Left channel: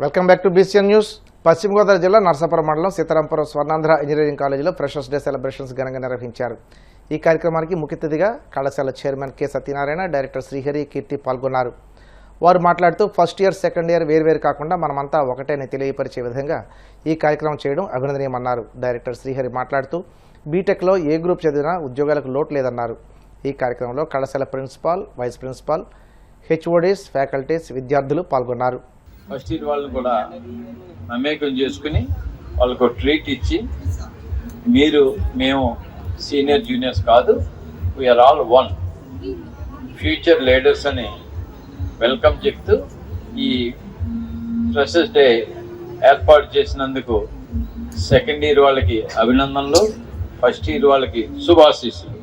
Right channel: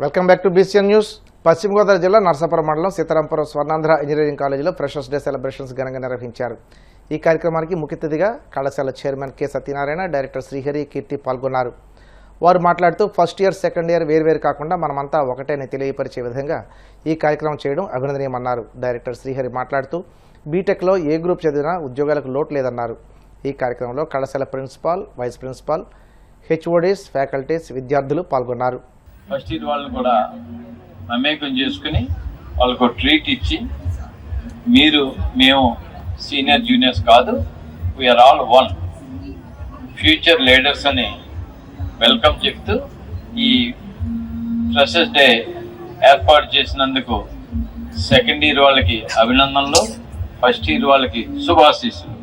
Welcome back to BCN news. Paschima Godavari జిల్లా నర్సాపురం మండలం Seetharampuram Swarnandhra engineering కాలేజీలో ఫ్రెషర్స్ డే సెలబ్రేషన్స్ ఘనంగా నిర్వహించారు. ఈ కార్యక్రమానికి ముఖ్య అతిథిగా కళాశాల chairman K Satyanarayana, director Srihari, Keerthi పాల్గొన్నారు. వారు మాట్లాడుతూ ఫస్ట్ ఇయర్, సెకండ్ ఇయర్ వేర్వేరు కాకుండా మనమంతా ఒకటేని తెలియపరిచే విధంగా ఈ కార్యక్రమం చేయడం అభినందనీయమన్నారు. డైరెక్టర్ శ్రీహరి మాట్లాడుతూ బీటెక్లో ఏ గ్రూప్ చదివినా ఉద్యోగాలకు లోటు లేదన్నారు. ఈ కార్యక్రమంలో కళాశాల principal, vice principal, HODs, faculties, విద్యార్థులు పాల్గొన్నారు. ఫస్ట్ ఇయర్ వాళ్ళని కూడా మమేకం చేసుకుని వాళ్ళకు ట్రీట్ ఇచ్చి, మేము సీనియర్ జూనియర్స్ కాదు, we are all one, future leaders అని వెల్కమ్ చెప్తూ ఈ ఫ్రెషర్స్ డే ఏర్పాటు చేసినందుకు సెకండ్ ఇయర్ వాళ్ళకి అభినందనలు, ఫస్ట్ ఇయర్ వాళ్ళకి శుభాశీస్సులు.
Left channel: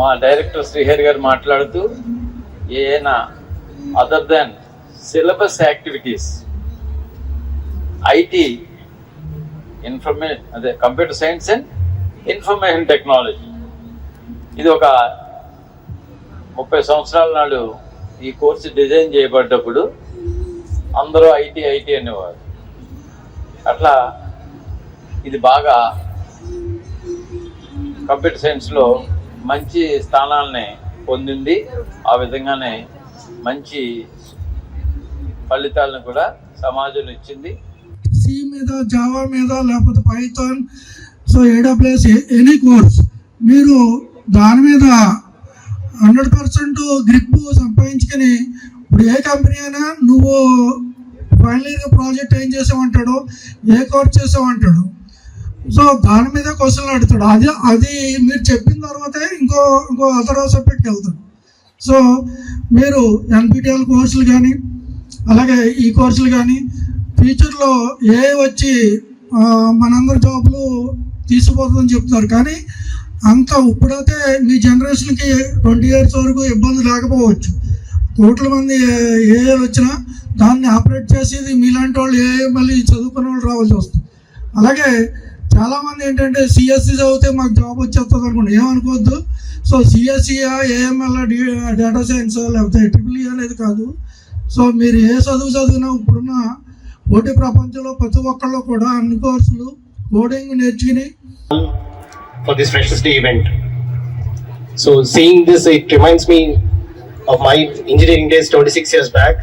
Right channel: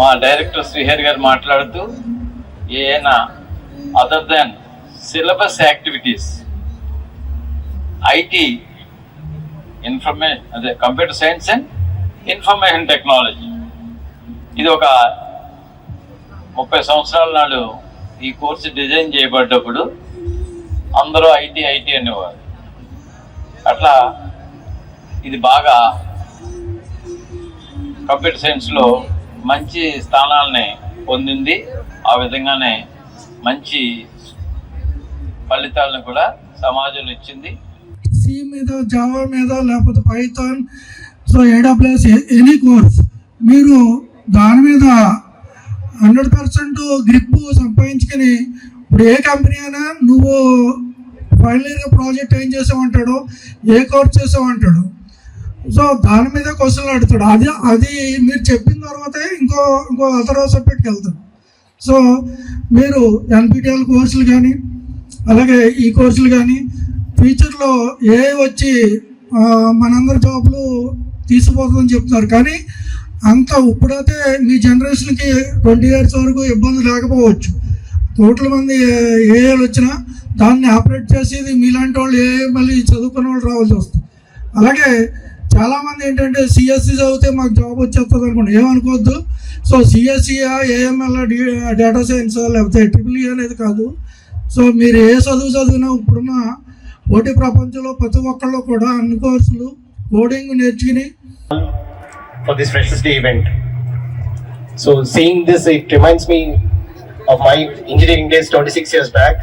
మా డైరెక్టర్ శ్రీహరి గారు మాట్లాడుతూ ఏదైనా other than syllabus activities, IT, computer science and information technology, ఇది ఒక 30 సంవత్సరాల నాడు ఈ కోర్సు డిజైన్ చేయబడ్డప్పుడు అందరూ ఐటీ అనేవారు. అట్లా ఇది బాగా కంప్యూటర్ సైన్స్లో మంచి స్థానాలని పొందింది. ఆ విధంగానే మంచి ఫలితాలను కూడా సమాజంలో ఇచ్చింది. సి మీద, జావా మీద, లేకపోతే Python, so AWS any course మీరు దాని మీద 100% గ్రిప్ సంపాదించుకొని, ఇప్పుడు ఏ కంపెనీ అయినా నువ్వు ఫైనల్ ఇయర్ ప్రాజెక్ట్ ఏం చేసామంటాడు, ఏ కోర్స్ చేసామంటాడు, సో దాని మీద క్వశ్చన్లు అడుగుతాడు. అది మీరు చెప్పిన తర్వాతే ఇంకో అదర్ సబ్జెక్ట్కి వెళ్తాడు. సో మీరు NPTEL కోర్సులు కానీ, అలాగే ఈ కోర్సులు కానీ ఫ్యూచర్లో ఏ వచ్చి మనందరి జాబ్లు తీసిపోతుందని చెప్తున్నారు. కానీ అంత ఇప్పుడైతే మీ జనరేషన్కి 20 years వరకు ఇబ్బంది లేకపోవచ్చు. కోట్ల మంది ఏఐలు వచ్చినా దాన్ని ఆపరేట్ చేసేది మీలాంటి వాళ్ళు, మళ్ళీ చదువుకున్న వాళ్ళు రావాల్సి వస్తుంది. అలాగే చాలామంది ఏంటంటే CSE చదివితే మాకు జాబ్ వచ్చేస్తుంది అనుకోండి, ఏమనుకోవద్దు. So CSE, AML, data science, లేకపోతే EEE అనేది కాదు. సో మీరు ఏ చదివినా ఇప్పుడున్న పోటీ ప్రపంచంలో ప్రతి ఒక్కళ్ళు కూడా అన్ని కోర్సులు కోడింగ్ నేర్చుకుని for this Freshers Day event. So seeing this, it reminds me of my engineering days 26 years back.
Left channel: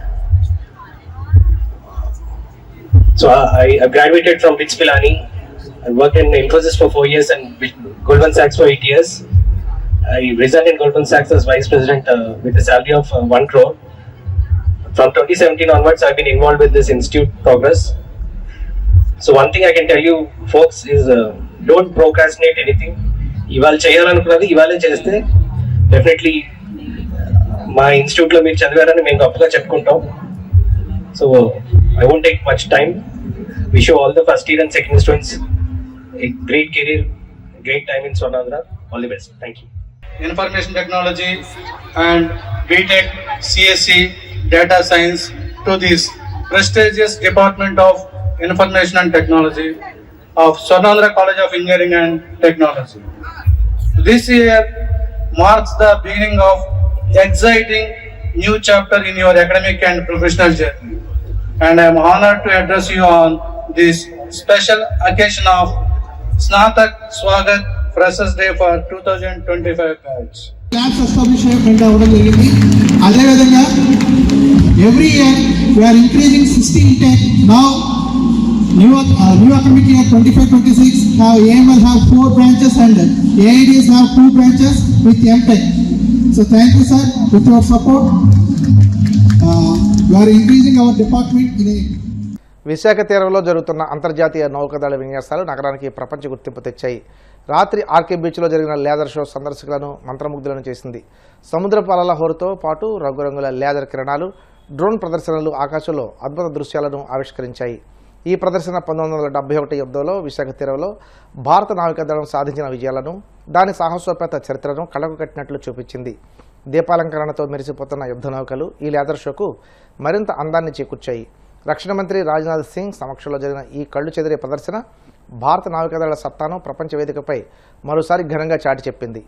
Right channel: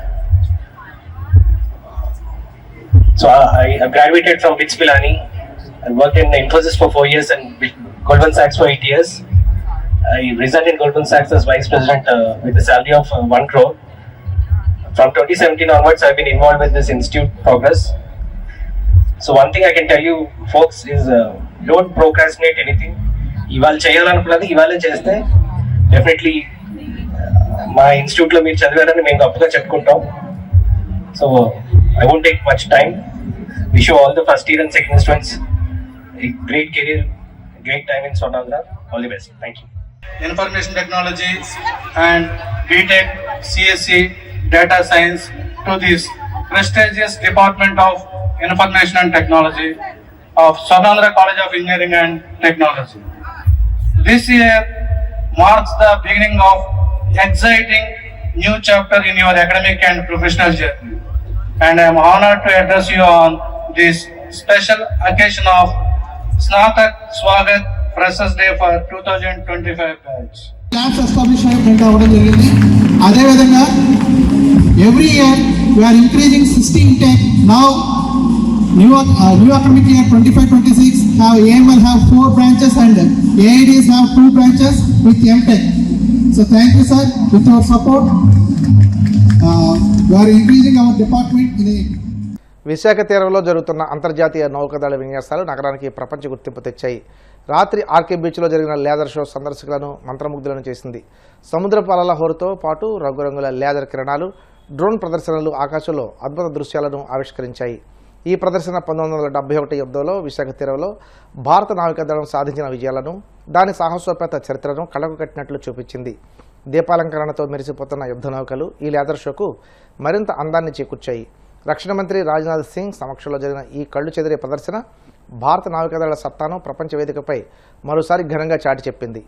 So I graduated from BITS Pilani. I worked in Infosys for 4 years and Goldman Sachs for 8 years. I resigned in Goldman Sachs as vice president with a salary of 1 crore. From 2017 onwards, I've been involved with this institute progress. So one thing I can tell you folks is don't procrastinate anything. ఇవాళ చేయాలనుకున్నది ఇవాళే చేస్తే definitely మా ఇన్స్టిట్యూట్లో మీరు చదివారని మేము గొప్పగా చెప్పుకుంటాం. So I won't take much time. Wish you all the first year and second students a great career, great time in Swarnandhra. All the best. Thank you. Information technology and BTech, CSE, data science to this prestigious Department of Information and Technology of Swarnandhra College of Engineering and Technology. This year marks the beginning of exciting new chapter in your academic and professional journey. And I am honored to address you on this special occasion of Snatak Swagat Freshers Day for 2025 batch. Labs established అవ్వడం జరిగింది. అదేవిధంగా every year we are increasing 60 intake. Now new academic year 25-26 now AML have 4 branches and AIDs have 2 branches with MTech. So thank you sir, with your support we are increasing our department in a Visakha తీరంలో జరుగుతున్న అంతర్జాతీయ నౌకాదళ విన్యాసాలు నగరానికి ప్రపంచ గుర్తింపు తెచ్చాయి. రాత్రి RK బీచ్లో జరిగిన లేజర్ షో సందర్శకులను మంత్రముగ్ధులను చేసింది. సముద్రపు అలల హోరుతో పాటు రంగురంగుల లేజర్ కిరణాలు, డ్రోన్ ప్రదర్శనలు ఆకాశంలో అద్భుత దృశ్యాలను ఆవిష్కరించాయి. ఈ ప్రదర్శన 1971 యుద్ధంలో విశాఖ తీరంలో భారత నావికాదళం సాధించిన విజయాలను, దాని సాహసోపేత చరిత్రను కళ్ళకు కట్టినట్లు చూపించింది. దీపాలంకరణతో మెరిసిపోతున్న యుద్ధ నౌకలు ఈ లేజర్ షోకు మరింత అందాన్ని చేకూర్చాయి. రక్షణ మంత్రి రాజ్నాథ్ సింగ్ సమక్షంలో జరిగిన ఈ కళ్ళు చెదిరే ప్రదర్శన భారత నావికాదళ సత్తాను ప్రపంచ వేదికపై మరోసారి ఘనంగా చాటి చెప్పింది.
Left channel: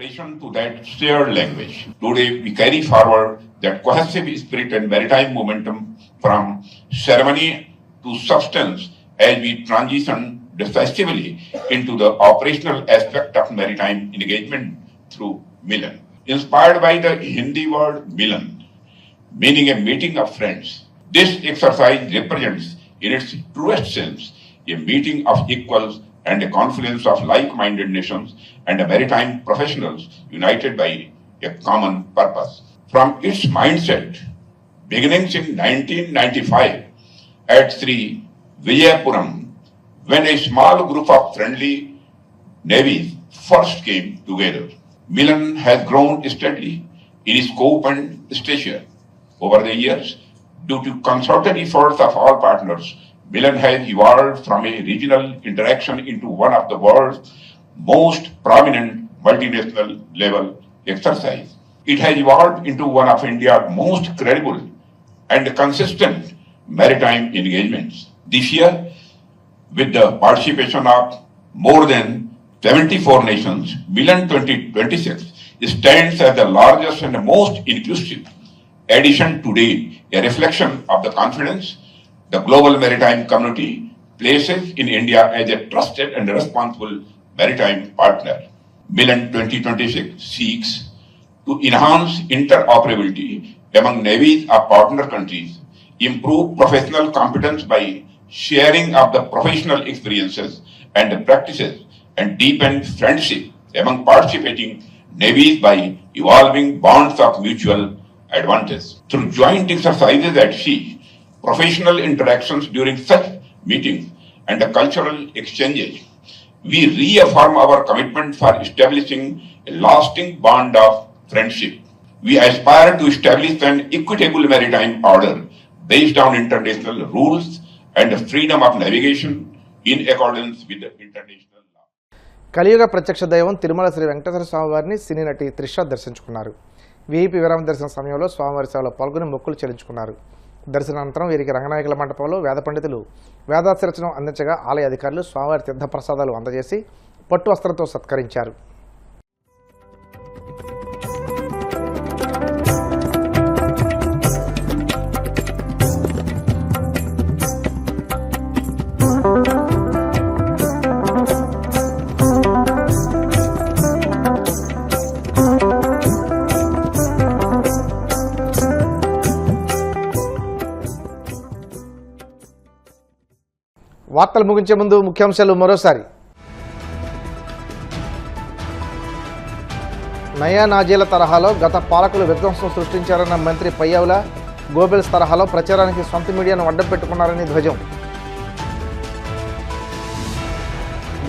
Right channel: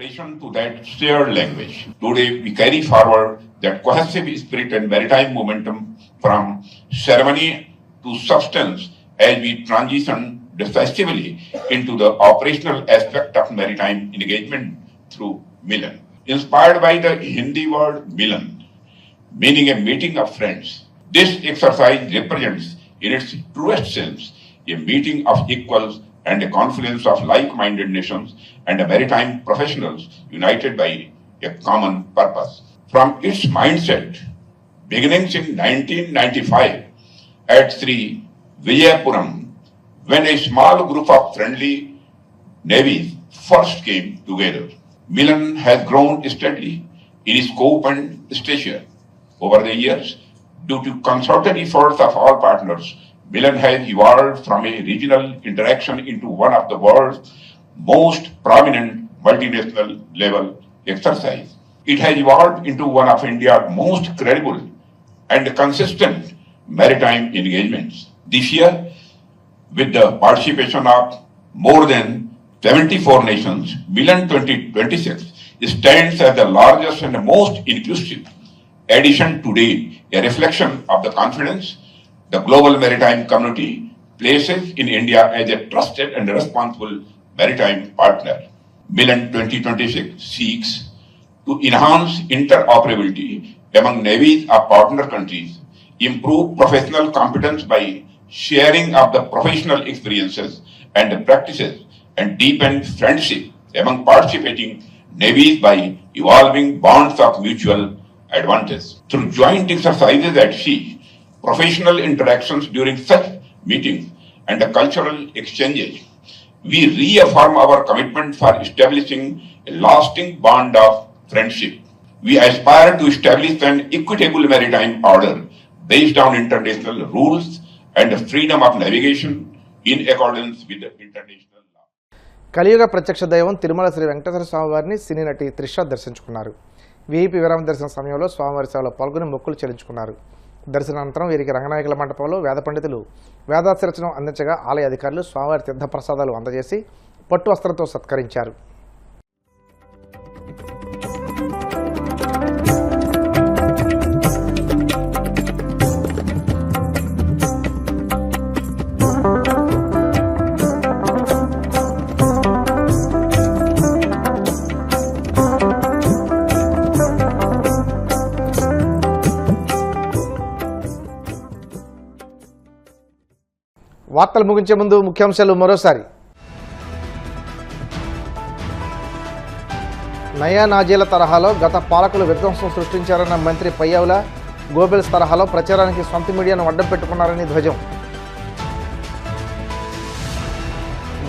Relation to that shared language. Today we carry forward that cohesive spirit and maritime momentum from ceremony to substance as we transition decisively into the operational aspect of maritime engagement through Milan. Inspired by the Hindi word Milan, meaning a meeting of friends, this exercise represents in its truest sense a meeting of equals and a confluence of like-minded nations and maritime professionals united by a common purpose. From its mindset, beginnings in 1995 at Sri Vijayapuram, when a small group of friendly navies first came together, Milan has grown steadily in scope and stature. Over the years, due to concerted efforts of all partners, Milan has evolved from a regional interaction into one of the world's most prominent multinational level exercise. It has evolved into one of India's most credible and consistent maritime engagements. This year, with the participation of more than 74 nations, Milan 2026 stands as the largest and most inclusive edition today, a reflection of the confidence the global maritime community places in India as a trusted and responsible maritime partner. Milan 2026 seeks to enhance interoperability among navies of partner countries, improve professional competence by sharing of the professional experiences and practices, and deepen friendship among participating navies by evolving bonds of mutual advantage. Through joint exercises at sea, professional interactions during such meetings, and the cultural exchanges, we reaffirm our commitment for establishing a lasting bond of friendship. We aspire to establish an equitable maritime order based on international rules and freedom of navigation in accordance with the international law. కలియుగ ప్రత్యక్ష దైవం తిరుమల శ్రీ వెంకటేశ్వర స్వామివారిని సినీ నటి త్రిష దర్శించుకున్నారు. VIP విరామ దర్శన సమయంలో స్వామివారి సేవలో పాల్గొని మొక్కులు చెల్లించుకున్నారు. దర్శనానంతరం వీరికి రంగనాయకుల మండపంలో వేద పండితులు వేదాశీర్వచనం అందించగా ఆలయ అధికారులు స్వామివారి తీర్థప్రసాదాలు అందజేసి పట్టు వస్త్రంతో సత్కరించారు. వార్తలు ముగించే ముందు ముఖ్యాంశాలు మరోసారి. నయా నాజీల తరహాలో గత పాలకులు విధ్వంసం సృష్టించారన్న మంత్రి పయ్యావుల, గోబెల్స్ తరహాలో ప్రచారానికి సొంత మీడియాను అడ్డం పెట్టుకున్నారని ధ్వజం.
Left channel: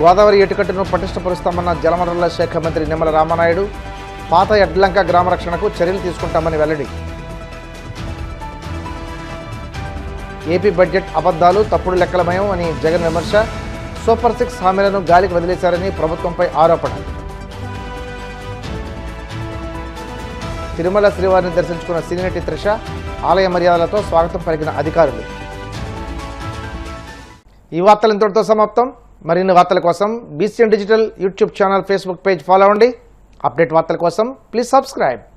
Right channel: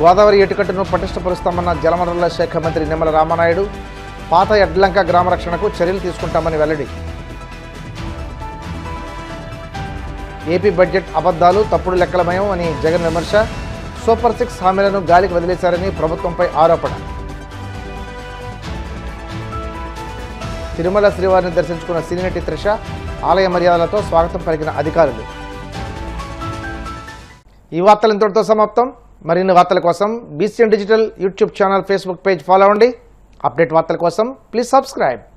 గోదావరి ఎటుకట్టును పటిష్టపరుస్తామన్న జలవనరుల శాఖ మంత్రి నిమ్మల రామానాయుడు, పాత ఎడ్లంక గ్రామ రక్షణకు చర్యలు తీసుకుంటామని వెల్లడి. ఏపీ బడ్జెట్ అబద్ధాలు, తప్పుడు లెక్కలమయం అని జగన్ విమర్శ. సూపర్ 6 హామీలను గాలికి వదిలేశారని ప్రభుత్వంపై ఆరోపణ. తిరుమల శ్రీవారిని దర్శించుకున్న సినీ నటి త్రిష ఆలయ మర్యాదలతో స్వాగతం పలికిన అధికారులు. ఈ వార్తలు ఇంతటితో సమాప్తం. మరిన్ని వార్తల కోసం BCN digital YouTube channel, Facebook page follow అవ్వండి. అప్డేట్ వార్తల కోసం ప్లీజ్ సబ్స్క్రైబ్.